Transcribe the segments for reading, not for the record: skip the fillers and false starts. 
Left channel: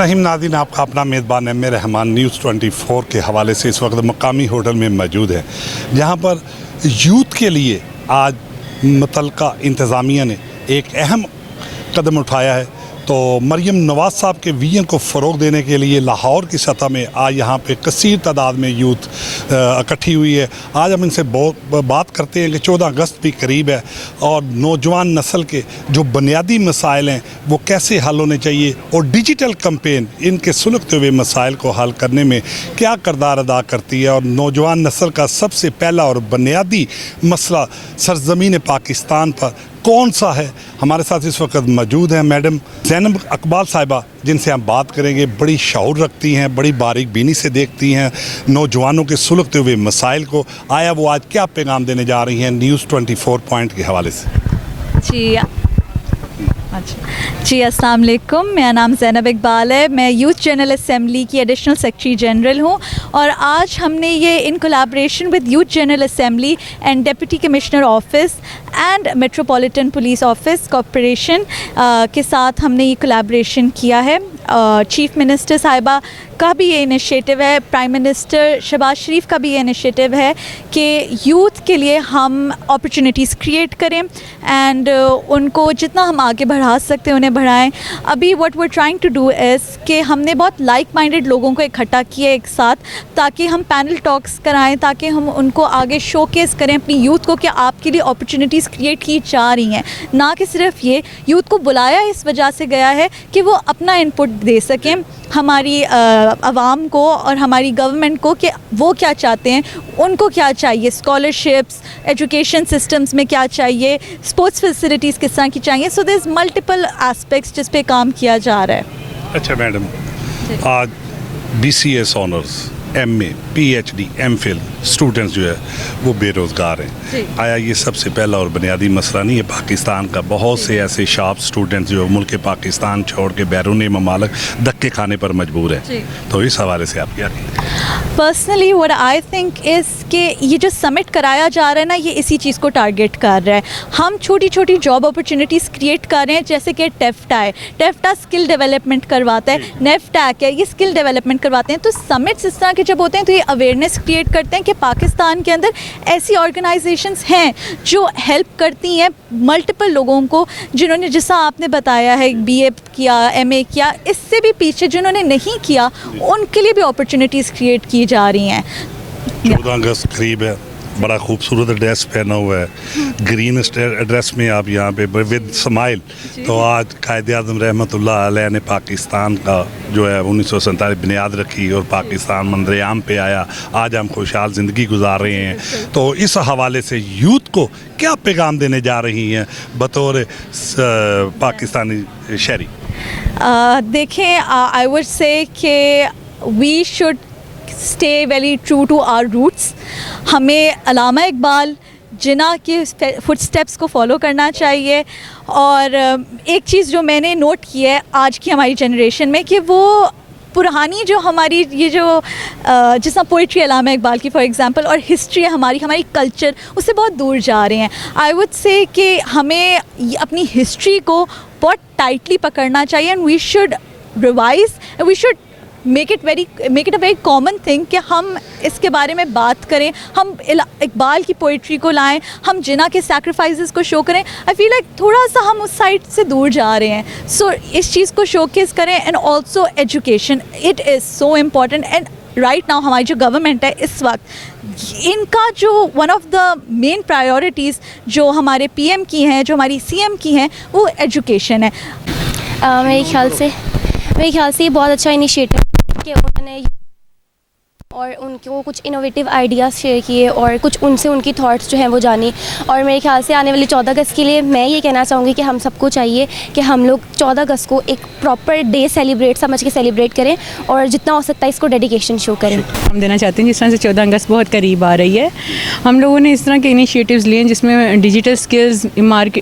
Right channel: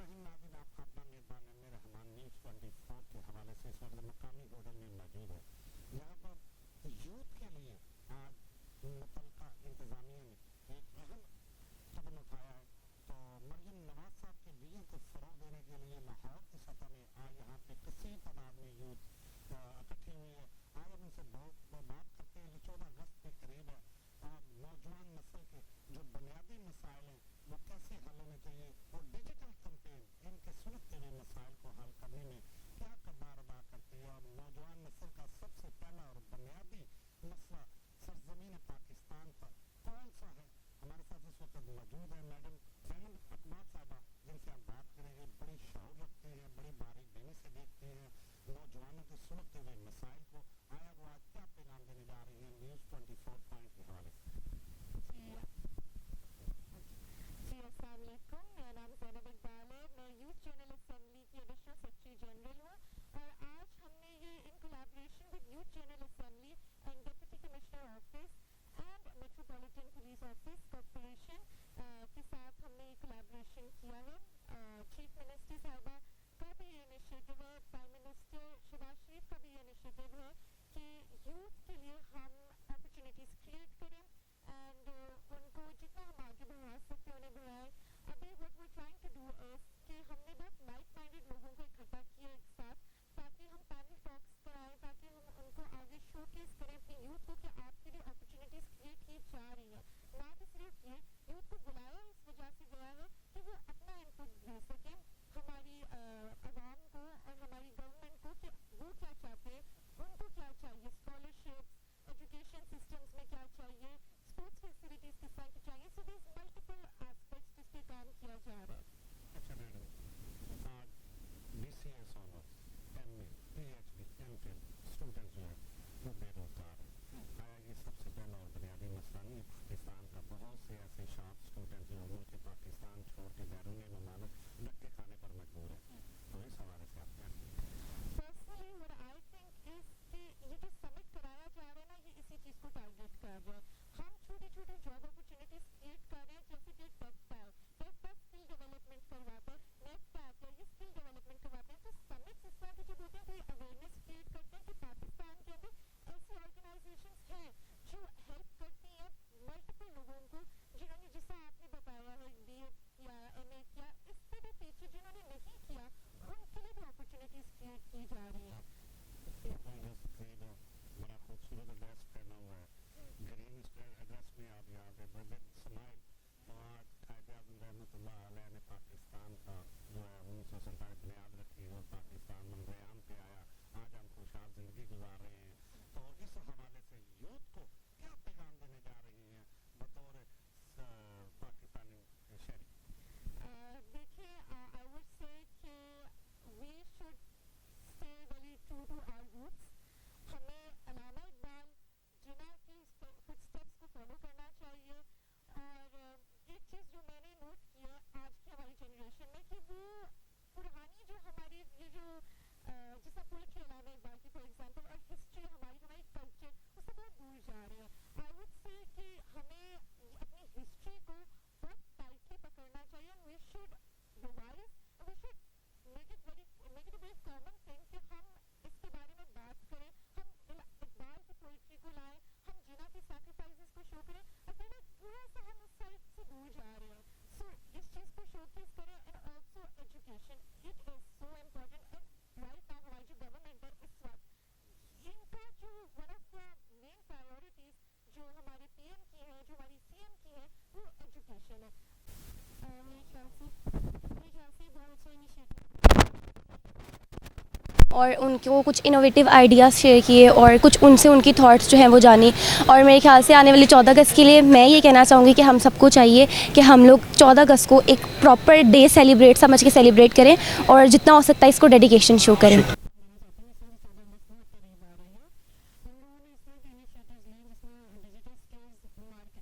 रहीम नाज़रीन, आपका अपना मेज़बान एम ए रहमान न्यूज़ 24 के हवाले से इस वक्त मकामी होटल में मौजूद है, जहां पर यूथ के लिए आज मुतल्लिका इंतज़ामिया ने एक अहम कदम उठाया है। तो मरियम नवाज़ साहब के विजन को फ़रोग़ देने के लिए लाहौर की सतह में आज यहाँ पे कसीर तादाद में यूथ इकट्ठी हुई है। आज हम इनसे बहुत बात करते हैं कि 14 अगस्त भी करीब है और नौजवान नस्ल के जो बुनियादी मसाइल हैं वो कैसे हल होने चाहिए और डिजिटल कैंपेन इनके सुलगते हुए मसाइल को हल करने में क्या किरदार अदा करती है। और नौजवान नस्ल का सबसे पहला और बुनियादी मसला सरज़मीन पाकिस्तान पर कौन सा है। हमारे साथ इस वक्त मौजूद हैं मैडम ज़ैनब इकबाल साहिबा, जिनसे हम बात करेंगे। बड़ी शऊर रखती हैं, बड़ी बारीक बीनी से देखती हैं नौजवानों के सुलगते हुए मसाइल को। आया वो आज क्या पैगाम देने जा रही हैं न्यूज़ 24 पॉइंट के हवाले से। जी अस्सलाम वालेकुम, मेरा नाम ज़ैनब इकबाल है। मैं यूथ जनरल असम्बली की एडिशनल सेक्रेटरी जनरल हूँ और आज हमने ये in collaboration with youth general assembly and deputy commissioner office and metropolitan police office corporation के साथ हमने ये कोलैबोरेशन किया है। चीफ मिनिस्टर साहिबा का भी ये इनिशिएटिव है, प्राइम मिनिस्टर शहबाज शरीफ का भी ये इनिशिएटिव है कि यूथ के लिए हम अपॉर्चुनिटीज़ क्रिएट करें एंड उनको जितना हम आगे बढ़ा सकते हैं उन्हें बढ़ाएं। अभी what we are trying to do is कि हमने बहुत लाइक माइंडेड लोगों को इकट्ठा किया एक साथ, ताकि हम पैनल टॉक्स कराएं, ताकि हम उनको आगे शोकेस करें अपनी यूथ को कि आपके लिए अपॉर्चुनिटीज़ क्रिएट की जा रही हैं। ना कि सिर्फ ये यूथ को बुलाया इस वजह से गया है कि वो अपना इनपुट दे सकें हमारी आवाम को और हमारी गवर्नमेंट को कि वो क्या चाहते हैं, उनको क्या चाहिए, स्कॉलरशिप्स, एजुकेशन सिस्टम्स में क्या चाहिए, स्पोर्ट्स फैसिलिटीज़ किस तरह की चाहिए। So there is multiple aspects जिस पे काम किया जा रहा है। अच्छा मैडम, आज BCS honours, MA, PhD, MPhil students जो है वो बेरोज़गार हैं। आया ये सबसे पहला और बुनियादी मसला नहीं है पाकिस्तान का? बहुत से ऐसे शार्प स्टूडेंट्स जो मुल्क पाकिस्तान छोड़ के बैरूनी ममालिक धक्के खाने पर मजबूर हैं। तो इस हवाले से आप क्या कहेंगे? Personally what I think is कि ये जो समिट कराया जा रहा है ना, ये इसी चीज़ को टारगेट कर रहा है। हम छोटी छोटी जॉब अपॉर्चुनिटीज़ क्रिएट कर रहे हैं, जैसे कि टेफ्टा है, टेफ्टा स्किल डेवलपमेंट करवाता है, नेफ्टैक है, ये स्किल डेवलपमेंट करवाते हैं। तो समिट्स इस तरह के जब होते हैं तो ये अवेयरनेस क्रिएट करते हैं कि पाकिस्तान के अंदर ऐसी ऑर्गेनाइजेशंस हैं जो हेल्प करती हैं मल्टीपल लोगों को, जिन्होंने, जैसा आपने बताया है, BA किया, MA किया, इससे भी पीछे जिन्होंने नहीं किया उनके लिए भी अपॉर्चुनिटीज़ क्रिएट की जा रही हैं। 14 अगस्त करीब है, बड़ा खूबसूरत ड्रेस पहना हुआ है, ग्रीन ड्रेस में आप यहाँ पे विद स्माइल। तो आज कायद आज़म रहमतुल्लाह अलैह ने पाकिस्तान का जो है 1947 बुनियाद रखी और पाकिस्तान मंजर-ए-आम पे आया। आज हम खुशहाल ज़िंदगी गुजार रहे हैं। तो इस हवाले से यूथ को क्या पैगाम देने जा रही हैं बतौर पाकिस्तानी शहरी? देखें, आई would say that we should stay very true to our roots. हमें अल्लामा इकबाल जिन्ना के फुटस्टेप्स को फॉलो करना चाहिए। और एक चीज़ जो मैंने नोट की है आज की हमारी जनरेशन में, कि वो पुरानी जो हमारी ये जो जिस तरह पोइट्री अल्लामा इकबाल की फॉर एग्जांपल और हिस्ट्री है हमारी कल्चर, उससे बहुत दूर जा रहे हैं। आई वुड से कि हमें अपनी हिस्ट्री को बहुत टाइटली पकड़ना चाहिए and we should revise, we should make it a very common thing कि हम इसके बारे में बात करें, हम इकबाल की पोइट्री को लाएं, हम जिन्ना के सैक्रिफाइसेस को शो करें। आई फील लाइक थोड़ा सा हम उस साइड से दूर जा रहे हैं। सो इस चीज़ को शोकेस करें and also education, it is so important. And right now हमारी जो गवर्नमेंट है इस वक्त, इनका जो one of the main priorities जो हमारे PM की हैं, जो हमारी CM की हैं, वो एजुकेशन है। मेरे ख्याल से ये बहुत अच्छा इनिशिएटिव कि उन्होंने हम देना चाहते हैं। जिस तरह से 14 अगस्त बहुत करीब आ रही है, हम लोगों ने इस तरह के इनिशिएटिव्स लिए हैं जिसमें डिजिटल स्किल्स,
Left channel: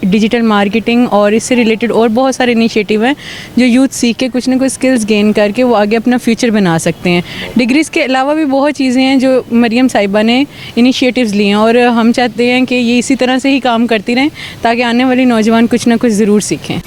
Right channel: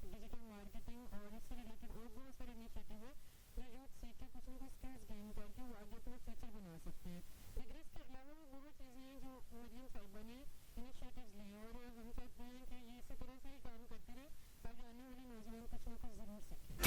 डिजिटल मार्केटिंग और इससे रिलेटेड और बहुत सारे इनिशिएटिव हैं जो यूथ सीख के कुछ ना कुछ स्किल्स गेन करके वो आगे अपना फ्यूचर बना सकते हैं। डिग्रीज़ के अलावा भी बहुत चीज़ें हैं जो मरियम साहिबा ने इनिशिएटिव्स लिए हैं और हम चाहते हैं कि ये इसी तरह से ही काम करती रहें ताकि आने वाले नौजवान कुछ ना कुछ ज़रूर सीखें।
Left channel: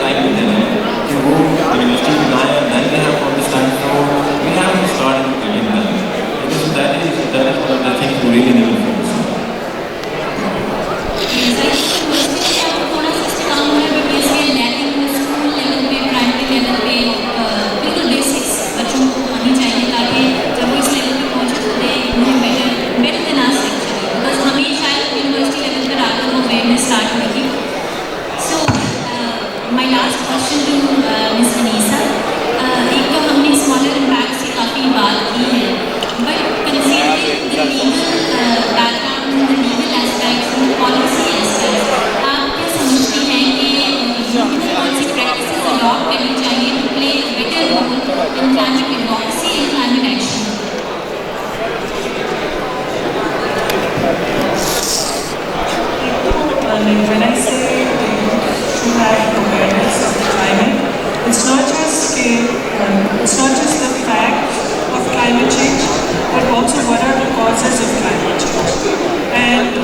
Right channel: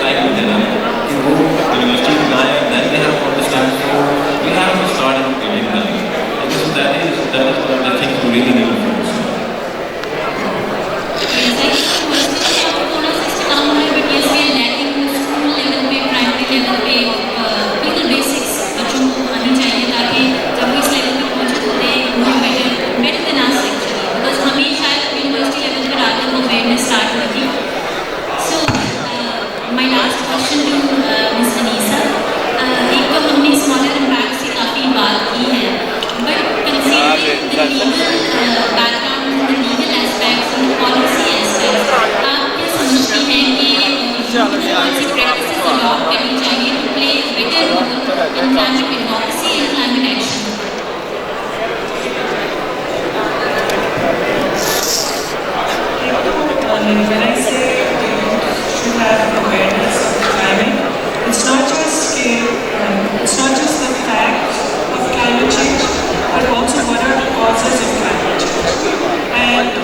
टाइम पे देना कि वो यूनिवर्सिटी बनाए, then they have to understand, so we have to start giving them. Because that is one of the things we really need to focus on. My last question to Ms. Anisa. एक तो हमने smaller impact से काफ़ी बात की है, but considering the legal background, the legal aspects, the policy aspects, आप क्या समझती हैं कि कौन सी प्रैक्टिसेस अडॉप्ट करनी चाहिए to play better role in climate advocacy and climate action? When I say to have awareness of climate, it's not just the fact of climate change, but also what are the causes of climate change. And the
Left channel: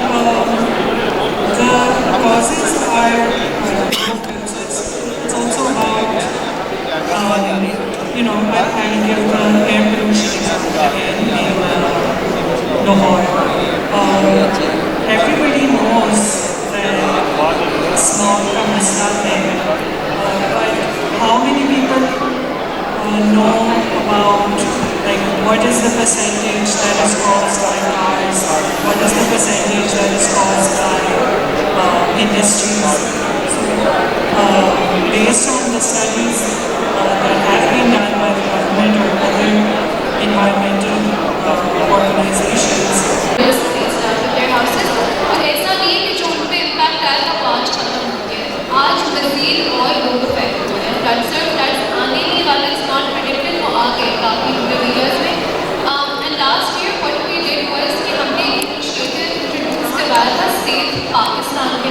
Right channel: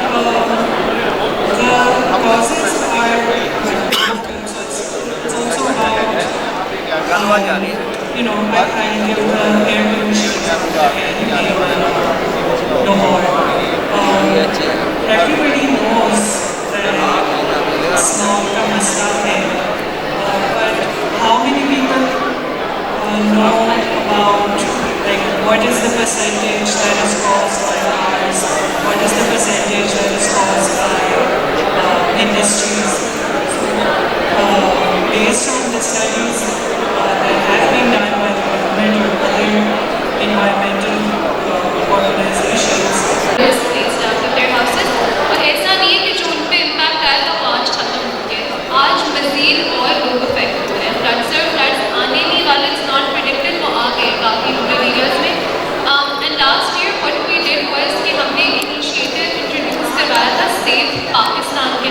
causes are, it's also about, you know, I give the air pollution example in Lahore. Everybody knows smog from the south end, but how many people know about like what is the percentage that is caused by cars, what is the percentage that is caused by industries. So, based on the studies that have been done by the government or other environmental organizations, ऐसा नहीं है कि जो उन पे impact आएगा वो आज खत्म हो गया, आज मज़ीद और लोग अफेक्ट हो रहे हैं. फ्लड्स आने ही वाला इज़ नॉट प्रेडिक्टेड, वो आ गए काफ़ी रूरल एरियाज़ में. And last year what we did was कि हमने इनिशिएटिव इंट्रोड्यूस करवाया था सेफ पाकिस्तान के